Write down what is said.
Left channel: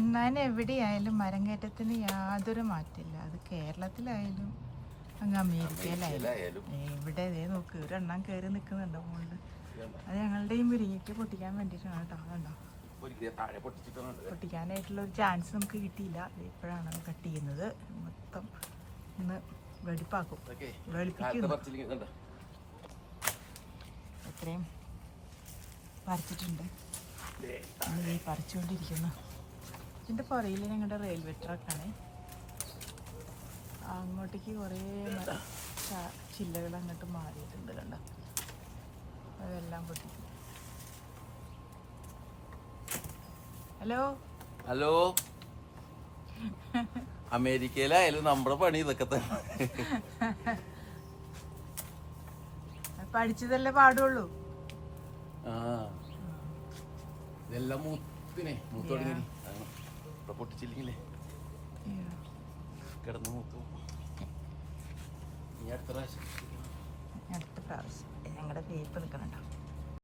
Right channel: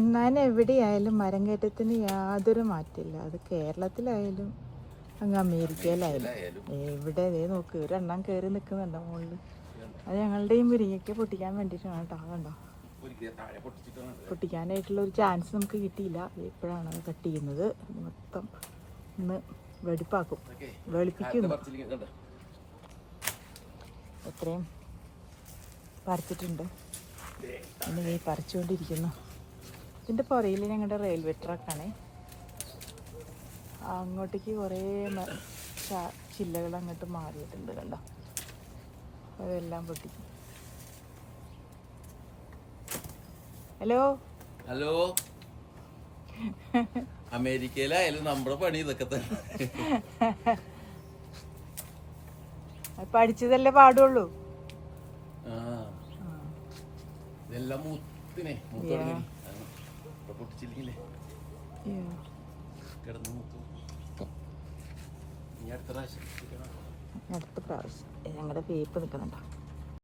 അണ്ണാൻ എവിടെയായാലും മരം കയറ്റത്തിന് യാതൊരു മാറ്റമില്ല. അത് കേരളത്തിലായാലും അങ്ങ് അമേരിക്കയിലായാലും എവിടെ നോക്ക് ഒരു എണ്ണം കയറി നിൽക്കുന്നുണ്ടോ മുകളിൽ. അത് ഞങ്ങളുടെ ഈ മുരിങ്ങയ്ക്ക് പൊട്ടിക്കാൻ വേണ്ടിയിട്ടാണ് കേട്ടോ. അതുണ്ടോ, പൊട്ടിക്കാനായിട്ടുള്ള ഒരു ചാൻസ് നമുക്ക് കിട്ടിയില്ല. ഇപ്പോഴാണ് കട്ട് ചെയ്യുന്നത്. മൊത്തം ഒന്ന് വെടിപ്പാക്കും, വെളുപ്പിക്കുന്നു. എത്രയും പറിച്ചിട്ടുണ്ട്, ഇനി പറിച്ചുകൊണ്ടിരിക്കുന്നു. ഇതിൻ്റെ പുറയിൽ ഞങ്ങളുടെ റെയിൽവേ ട്രാക്കാണ്. അങ്ങോട്ടേക്ക് കുറേ ചില്ലകൾ അങ്ങോട്ട് മാറിയിട്ടുണ്ട് കണ്ടോ. അതെല്ലാം പൊട്ടിക്കും. ഹലോ ഹലോ, അമേരിക്കയിലായാലും നമ്മുടെ പണി ഇതൊക്കെ തന്നെ. പഠിച്ചതല്ലേ പാടുള്ളൂ. ഇതെല്ലാം മൂത്തോടങ്ങി പൊട്ടിച്ചില്ലെങ്കിലേ കിടന്ന് മൂത്തു. ഇനി അടുത്ത പ്രാവശ്യം ഞങ്ങളുടെ വേപ്പ് നിൽക്കുന്നുണ്ടോ.